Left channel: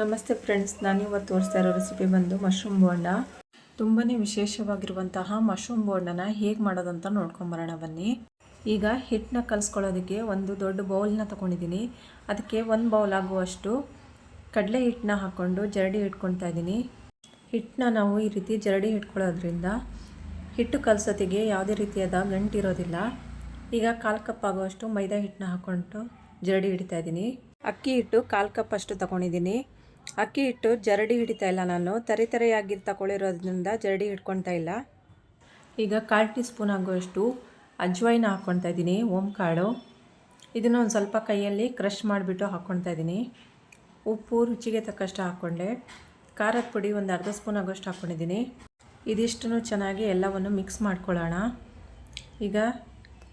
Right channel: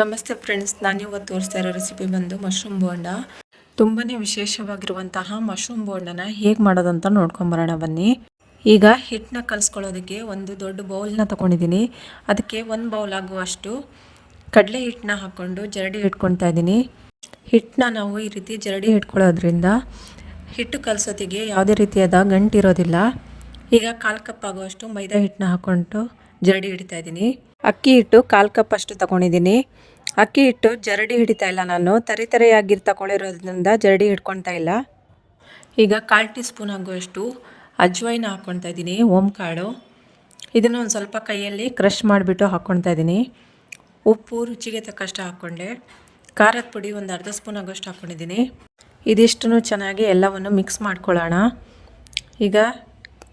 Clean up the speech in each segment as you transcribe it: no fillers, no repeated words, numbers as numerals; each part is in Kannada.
ನಮಸ್ತೆ ಫ್ರೆಂಡ್ಸ್, ನಾನಿವತ್ತು ತೋರಿಸ್ತಾ ಇರೋ ರೆಸಿಪಿ ಬಂದು ಮಶ್ರೂಮ್ ಬೋಂಡ. ತುಂಬಾ ವಿಶೇಷವಾಗಿರುವಂತಹ ಮಶ್ರೂಮ್ ಬೋಂಡನ ಹೇಗೆ ಮಾಡೋದಂತ ನೋಡ್ಕೊಂಬರೋಣ ಬನ್ನಿ. ಈಗ ಹಿಟ್ಟನ್ನ ಕಲಿಸ್ಕೊಳ್ಳೋದಕ್ಕೆ ಒಂದು ದೊಡ್ಡ ಬೌಲ್ನ ತೊಗೊಂಡಿದ್ದೀನಿ. ಅದಕ್ಕೆ 1 ಬೌಲ್ ಆಗುವಷ್ಟು ಕಡಲೆ ಹಿಟ್ಟನ್ನ ಹಾಕ್ಕೊಂಡು ಜರಡಿ ಇಟ್ಕೊತಾ ಇದ್ದೀನಿ. ಹಿಟ್ಟನ್ನ ನಾವು ಈ ರೀತಿ ಜರಡಿ ಇಟ್ಕೊಳ್ಳೋದ್ರಿಂದ ಹಿಟ್ಟು ಕಲಸೋತಿಗೆ ಯಾವುದೇ ರೀತಿಯಾದ ಗಂಟಿರೋದಿಲ್ಲ. ಈಗ 1/4 ಕಪ್ ಆಗುವಷ್ಟು ಮೈದಾ ಹಿಟ್ಟನ್ನ ಹಾಕ್ಕೊಂಡು ಜರಡಿ ಹಿಡಿತಾ ಇದ್ದೀನಿ. ಅಕ್ಕಿ ಹಿಟ್ಟು 1/4 ಕಪ್ ಅಷ್ಟು ತೊಗೊಂಡಿದ್ದೀನಿ. ಅಕ್ಕಿ ಹಿಟ್ಟು ಜರಡಿ ಹಿಡಿತಾ ಇಲ್ಲ, ನಾನು ತರಿಯಾಗಿ ತಗೊಳ್ಳಿರೋದ್ರಿಂದ ಜರಡಿ ಹಿಡ್ಕೊತಾ ಇಲ್ಲ. ಈಗ 1/4 ಟೀ ಸ್ಪೂನ್ ಆಗುವಷ್ಟು ಅಜ್ವೈನ ಹಾಕ್ಕೊತಾ ಇದ್ದೀನಿ, ಓಂಕಾಳು. ಇದನ್ನು ಒಂದು ಸ್ವಲ್ಪ ಕೈಯಲ್ಲಿ ಕ್ರಷ್ ಮಾಡಿಬಿಟ್ಟು ಹಾಕ್ಕೊತಾ ಇದ್ದೀನಿ. ಉಪ್ಪು ರುಚಿಗೆ ತಕ್ಕಷ್ಟು ಹಾಕ್ಕೊಂಡೆ. ಖಾರದ ಪುಡಿ ಒಂದು ಅರ್ಧ ಸ್ಪೂನ್ ಆಗೋಷ್ಟು ಹಾಕ್ಕೊಂಡಿದ್ದೀನಿ. ಇದಿಷ್ಟನ್ನು ಚೆನ್ನಾಗಿ ಎಲ್ಲವನ್ನು ಮಿಕ್ಸ್ ಮಾಡ್ಕೊಳ್ಳೋಣ. ಈಗ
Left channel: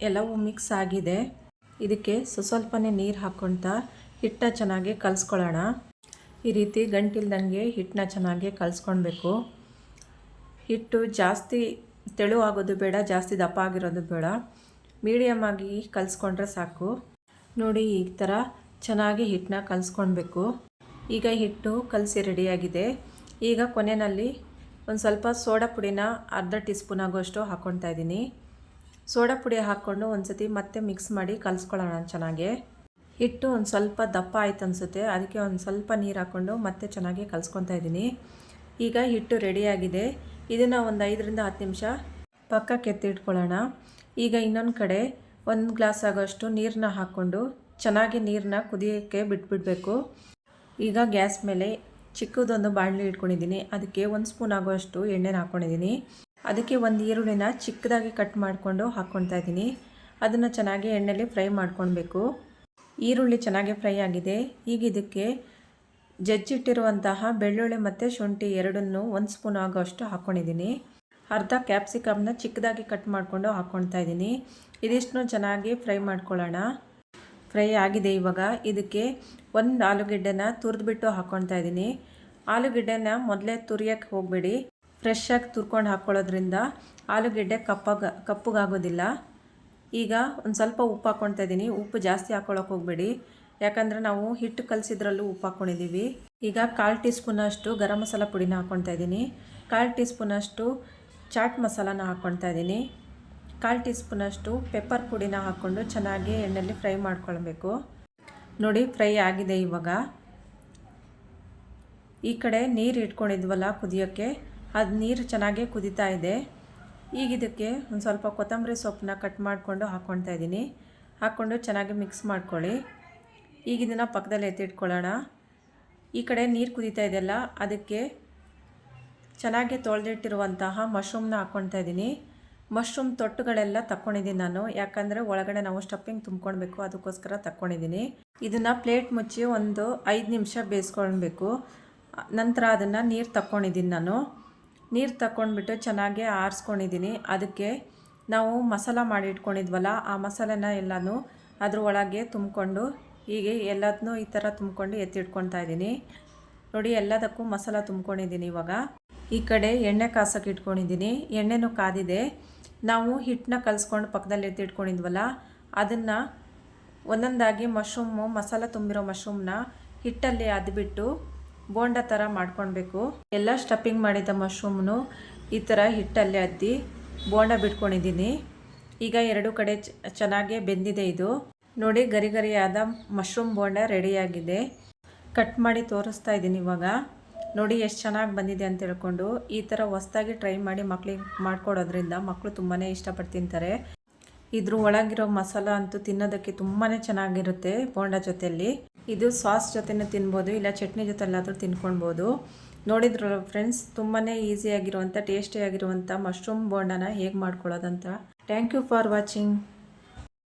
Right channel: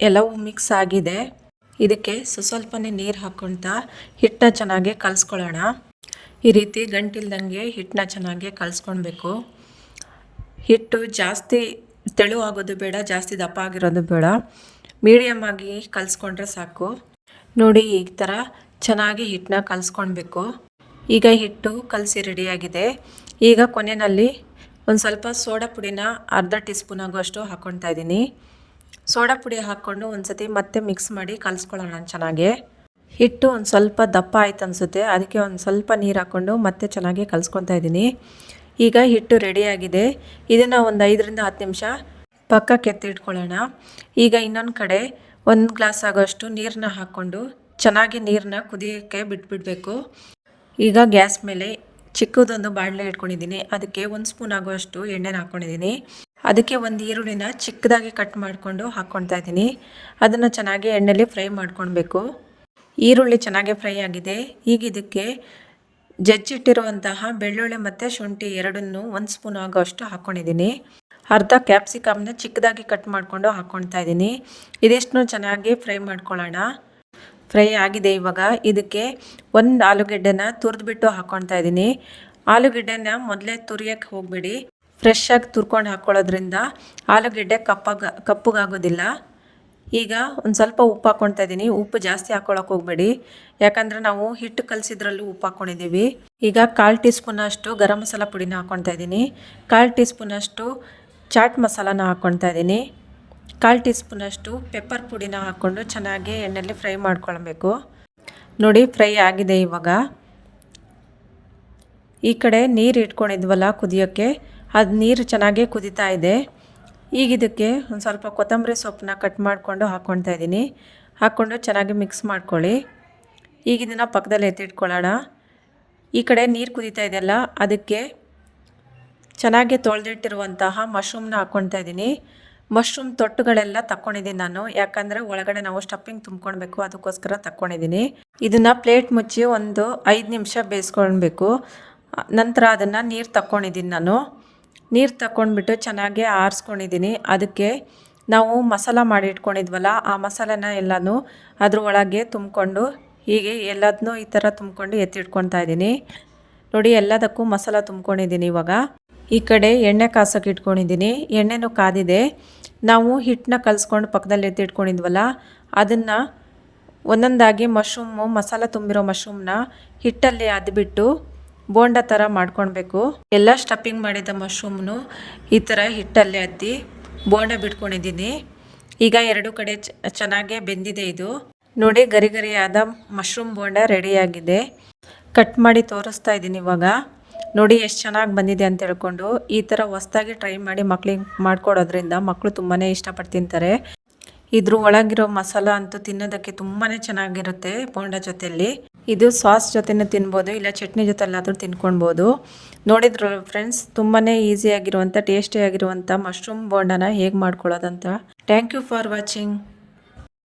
ಎಲ್ಲವೂ ಮಿಕ್ಸ್ ಆಗಿದೆ. ಇದಕ್ಕೆ ಸ್ವಲ್ಪನೇ ನೀರು ಹಾಕ್ಕೊಳ್ತಾ ಹಿಟ್ಟನ್ನ ಚೆನ್ನಾಗಿ ಕಲಿಸ್ಕೊಳ್ಳೋಣ. ಈ ರೀತಿ ಗಂಟಿಲ್ದಂಗೆ ಹಿಟ್ಟನ್ನ ಚೆನ್ನಾಗಿ ಕಲಿಸ್ಕೊಳ್ಬೇಕು. ಹಿಟ್ಟು ಜಾಸ್ತಿ ತೆಳು ಆಗೋದು ಬೇಡ, ಜಾಸ್ತಿ ದಪ್ಪ ಆಗಿರೋದು ಬೇಡ, ಮೀಡಿಯಮ್ ಆಗಿ ಕಲಿಸ್ಕೊಂಡ್ರೆ ಸಾಕು. ನೋಡಿ, ಈ ಥರ ಚೆನ್ನಾಗಿ ಹಿಟ್ಟನ್ನ ಕಲಿಸ್ಕೊಳ್ಬೇಕು. ಈಗ ಹಿಟ್ಟು ಕಲಸಿ ರೆಡಿಯಾಗಿದೆ. ಈಗ ಕೊನೆಯಲ್ಲಿ ಒಂದು ಸ್ವಲ್ಪ ಸೋಡಾ ಪುಡಿನ ಅರ್ಧ ಟೀ ಸ್ಪೂನ್ ಆಗುವಷ್ಟು ಹಾಕ್ಕೊಳ್ತಾ ಇದ್ದೀನಿ. ಸೋಡಾ ಪುಡಿ ಹಾಕ್ಕೊಂಡು ಒಂದು ಸತಿ ಮತ್ತೆ ಮಿಕ್ಸ್ ಮಾಡಿ ಕಲಿಸ್ಕೊಳ್ಳೋಣ ಚೆನ್ನಾಗಿ. ಹಿಟ್ಟು ಒಂದು ಸ್ವಲ್ಪ ದಪ್ಪ ಆಯ್ತು ಅನಿಸುತ್ತೆ, ಅದಕ್ಕೆ ಒಂದು ಸ್ವಲ್ಪ ನೀರು ಹಾಕ್ಕೊಂಡು ಮತ್ತೆ ಚೆನ್ನಾಗಿ ಕಲಿಸ್ಕೊತಾ ಇದ್ದೀನಿ. ಈಗ ಹಿಟ್ಟು ರೆಡಿಯಾಗಿದೆ. ಇದನ್ನು ಒಂದು 5ರಿಂದ 10 ನಿಮಿಷ ಪಕ್ಕಕ್ಕೆ ಎತ್ತಿಟ್ಕೊಳ್ಳೋಣ. ಈಗ ಇನ್ನೊಂದು ಕಡೆ 1 ಗ್ಲಾಸ್ ಆಗೋಷ್ಟು ನೀರನ್ನ ಹಾಕ್ಕೊಂಡು ಚೆನ್ನಾಗಿ ನೀರನ್ನ ಕುದಿಯೋಕ್ಕೆ ಬಿಟ್ಬಿಡಬೇಕು. ಈಗ ಗ್ಯಾಸ್ ಮೇಲೆ ಚಿಕ್ಕದೊಂದು ಬಾಣಲೆ ಇಟ್ಕೊಂಡಿದ್ದೀನಿ. ಅದಕ್ಕೆ 1 ಸ್ಪೂನ್ ಆಗುವಷ್ಟು ಎಣ್ಣೆನ ಹಾಕ್ಕೊಂಡಿದ್ದೀನಿ. ಅದಕ್ಕೆ ಒಂದು ಈರುಳ್ಳಿನ ಚಿಕ್ಕದಾಗಿ ಕಟ್ ಮಾಡಿಕೊಂಡು ಹಾಕ್ಕೊತಾ ಇದ್ದೀನಿ. ಅದನ್ನು ಚೆನ್ನಾಗಿ ಎಣ್ಣೆಯಲ್ಲಿ ಫ್ರೈ ಮಾಡ್ಕೊಳ್ಬೇಕು. ಈರುಳ್ಳಿ ಚೆನ್ನಾಗಿ ಫ್ರೈ ಆಗಿದೆ. ಈಗ ಇದಕ್ಕೆ ಜಜ್ಜಿಟ್ಟಿರುವಂತಹ ಬೆಳ್ಳುಳ್ಳಿ ಮತ್ತು ಶುಂಠಿ ಎರಡನ್ನೂ 1 ಸ್ಪೂನ್ ಆಗೋಷ್ಟು ಹಾಕ್ಕೊಂಡಿದ್ದೀನಿ. ಅರ್ಧ ಕ್ಯಾಪ್ಸಿಕಮ್ನ ಚಿಕ್ಕದಾಗಿ ಕಟ್ ಮಾಡಿಕೊಂಡು ಹಾಕ್ಕೊಳ್ತಾ ಇದ್ದೀನಿ. ಇದಿಷ್ಟನ್ನು ಚೆನ್ನಾಗಿ ಫ್ರೈ ಮಾಡ್ಕೊಳ್ಳೋಣ. ಫ್ರೈ ಆಗಿದೆ. ಇವಾಗ ಇದಕ್ಕೆ 1 ಆಲೂಗೆಡ್ಡೆನ ತುರಿದ್ಬಿಟ್ಟು ಹಾಕ್ಕೊಳ್ತಾ ಇದ್ದೀನಿ. ಆಲೂಗೆಡ್ಡೆನ ಮೊದಲೇ ತುರಿಯೋಕ್ಕೆ ಹೋಗಬೇಡಿ. ಫ್ರೆಶ್ ಆಗಿ ತುರ್ಕೊಂಡು ಹಾಕ್ಕೊಳ್ಳೋದ್ರಿಂದ ಆಲೂಗೆಡ್ಡೆ ಕಪ್ಪಗಾಗೋದಿಲ್ಲ. ಈಗ ಒಂದು ಸ್ವಲ್ಪ ಉಪ್ಪು ಹಾಕ್ಕೊಳ್ತಾ ಇದ್ದೀನಿ. ಉಪ್ಪು ಜಾಸ್ತಿ ಹಾಕ್ಕೊಳ್ಳೋಕೆ ಹೋಗಬೇಡಿ, ಯಾಕಂದರೆ ನಾವು ಹಿಟ್ಟು ಕಲಸಿದ್ರಲ್ಲೂ ಉಪ್ಪು ಹಾಕ್ಕೊಂಡಿದ್ದೀವಿ. ಈಗ 1/4 ಟೀ ಸ್ಪೂನಷ್ಟು ಗರಂ ಮಸಾಲ ಪುಡಿನ ಹಾಕ್ಕೊಳ್ತಾ ಇದ್ದೀನಿ. 1/4 ಟೀ ಸ್ಪೂನಷ್ಟು ಚಾಟ್ ಮಸಾಲಾನ ಹಾಕ್ಕೊಳ್ತಾ ಇದ್ದೀನಿ. 1/4 ಟೀ ಸ್ಪೂನಷ್ಟು ಪೆಪ್ಪರ್ ಪುಡಿನ ಹಾಕ್ಕೊಂಡು ಚೆನ್ನಾಗಿ ಎಣ್ಣೆಯಲ್ಲಿ ಫ್ರೈ ಮಾಡ್ಕೊಳ್ಬೇಕು. ನೋಡಿ, ಫ್ರೈ ಆಗಿದೆ. ಇವಾಗ ಈ ಕಡೆ ನೀರು ಇಟ್ಕೊಂಡಿದ್ವಲ್ಲ ಕುದಿಯೋಕ್ಕೆ, ಅದು ನೀರು ಚೆನ್ನಾಗಿ ಕುದೀತಾ ಇದೆ. ಈಗ ಇದಕ್ಕೆ ಒಂದು ಸ್ವಲ್ಪ ಕೊತ್ತಂಬರಿ ಸೊಪ್ಪನ್ನ ಕಟ್ ಮಾಡಿಕೊಂಡು ಹಾಕ್ಕೊಳ್ತಾ ಇದ್ದೀನಿ. ಹಾಕ್ಕೊಂಡು ಚೆನ್ನಾಗಿ ಮಿಕ್ಸ್ ಮಾಡ್ಕೊಳ್ಳಿ. ಈಗ ಇದನ್ನು ಪಕ್ಕದಲ್ಲಿ ಎತ್ತಿಟ್ಕೊಳ್ಳೋಣ. ಈ ಕಡೆ ನೀರು ಕುದೀತಾ ಇದೆಯಲ್ಲ, ಅದಕ್ಕೆ ಚೆನ್ನಾಗಿ ತೊಳೆದಿಟ್ಟಿರುವಂತಹ ಮಶ್ರೂಮ್ನ ಹಾಕ್ಕೊಳ್ತಾ ಇದ್ದೀನಿ. ಮಶ್ರೂಮ್ ತೊಟ್ಟುಗಳೆಲ್ಲ ತಕ್ಕೊಂಡಿದ್ದೀನಿ ನಾನು, ಯಾಕಂದರೆ ಒಳಗಡೆ ನಾವು ಸ್ಟಫಿಂಗ್ ತುಂಬ್ಕೊಳ್ಬೇಕು, ಅದಕ್ಕೋಸ್ಕರ ತಕ್ಕೊಂಡಿದ್ದೀನಿ. ಇದನ್ನು ಪ್ಲೇಟ್ ಮುಚ್ಚಿ ಒಂದು 5 ನಿಮಿಷ ಬೇಯಿಸ್ಕೊಳ್ಬೇಕು. ನಂತರ ಅದನ್ನು ನೀರು ತಕ್ಕೊಂಡಿದ್ದೀನಿ ನಾನು. ನೀರು ತಗೊಂಡ್ಬಿಟ್ಟು ಚೆನ್ನಾಗಿ ಆರಿಸ್ಕೊಂಡಿದ್ದೀನಿ. ಅದಕ್ಕೆ ನಾವು ಮಸಾಲ ಮಾಡಿ ಇಟ್ಕೊಂಡಿದ್ವಲ್ಲ, ಆ ಮಸಾಲೆನ ಎಲ್ಲನೂ ಅದ್ರ ಒಳಗೆ ತುಂಬಿಕೊಂಡು ಹೀಗೆ ಎಲ್ಲದನ್ನೂ ಈ ಥರ ತುಂಬಿಕೊಂಡು ಎತ್ತಿಟ್ಕೊತಾ ಇದ್ದೀನಿ. ನೋಡಿ, ಎಲ್ಲದಕ್ಕೂ ಮಸಾಲ ತುಂಬ್ಕೊಂಡಿದ್ದೀನಿ. ಇವಾಗ ಈ ಕಡೆ ಎಣ್ಣೆ ಕಾಸಕ್ಕೆ ಇಟ್ಕೊಂಡಿದ್ದೀನಿ. ಎಣ್ಣೆನೂ ಕಾದಿದೆ. ನಾವು ಹಿಟ್ಟನ್ನ ಕಲಿಸ್ಕೊಂಡು ಪಕ್ಕದಲ್ಲಿ ಎತ್ತಿಟ್ಕೊಂಡಿದ್ವಲ್ಲ, ಅದನ್ನು ಒಂದೊಂದಾಗಿ ಮಸಾಲ ತುಂಬಿರೋ ಮಶ್ರೂಮ್ನ ಹಿಟ್ಟಲ್ಲಿ ಅದ್ಬಿಟ್ಟು ಬೋಂಡ ಥರ ಮಾಡ್ಕೊಳ್ಬೇಕು. ಎಲ್ಲ ಸ್ಟಫಿಂಗ್ ಮಾಡಿದ ಮಶ್ರೂಮ್ನು ಈ ಥರ ಹಿಟ್ಟಲ್ಲಿ ಅದ್ದಿ ಬೋಂಡ ಬಿಟ್ಕೊಂಡಿದ್ದೀನಿ. ಈಗ 2 ಕಡೆ ಚೆನ್ನಾಗಿ ಬೆಂದಿದೆ. ಇದು ನೋಡಿ, ಗರಿಯಾದ ಮಶ್ರೂಮ್ ಬೋಂಡ ರೆಡಿಯಾಗಿದೆ. ಕಟ್ ಮಾಡಿ ತೋರಿಸ್ತಾ ಇದ್ದೀನಿ. ಇವಾಗ ನೋಡಿ ಎಷ್ಟು ಚೆನ್ನಾಗಿ ಬಂದಿದೆ ಅಂತ ಹೇಳ್ಕೊಂಡು ಈ ಥರ ಹೊಸದಾಗಿ ಟ್ರೈ ಮಾಡಿ ಮಕ್ಳಿಗೆ ಮಾಡಿಕೊಡೋದ್ರಿಂದ ಮಕ್ಕಳು ತುಂಬಾ ಇಷ್ಟಪಟ್ಟು ತಿಂತಾರೆ. ಇದ್ರ ಒಳಗಿರೋ ಮಸಾಲ ಅಂತೂ ತಿನ್ನೋದಕ್ಕೆ ತುಂಬಾ ಚೆನ್ನಾಗಿರುತ್ತೆ. ಬೋಂಡ ಜೊತೆಯಲ್ಲಿ ಇದು ಸಾಸ್ ಜೊತೆನೂ ತಿನ್ಬೋದು, ಇಲ್ಲ ಚಟ್ನಿ ಜೊತೆಲ್ಲಾದರೂ ತಿನ್ಕೊಳ್ಬೋದು. ನೋಡಿದ್ರು ಫ್ರೆಂಡ್ಸ್, ತುಂಬಾ ಈಸಿಯಾಗಿರುವಂಥ ಟೇಸ್ಟಿಯಾಗಿರುವಂಥ ಮಶ್ರೂಮ್ ಬೋಂಡನ ಹೇಗೆ ಮಾಡ್ಕೊಳ್ಳೋದಂತ. Thank you for watching.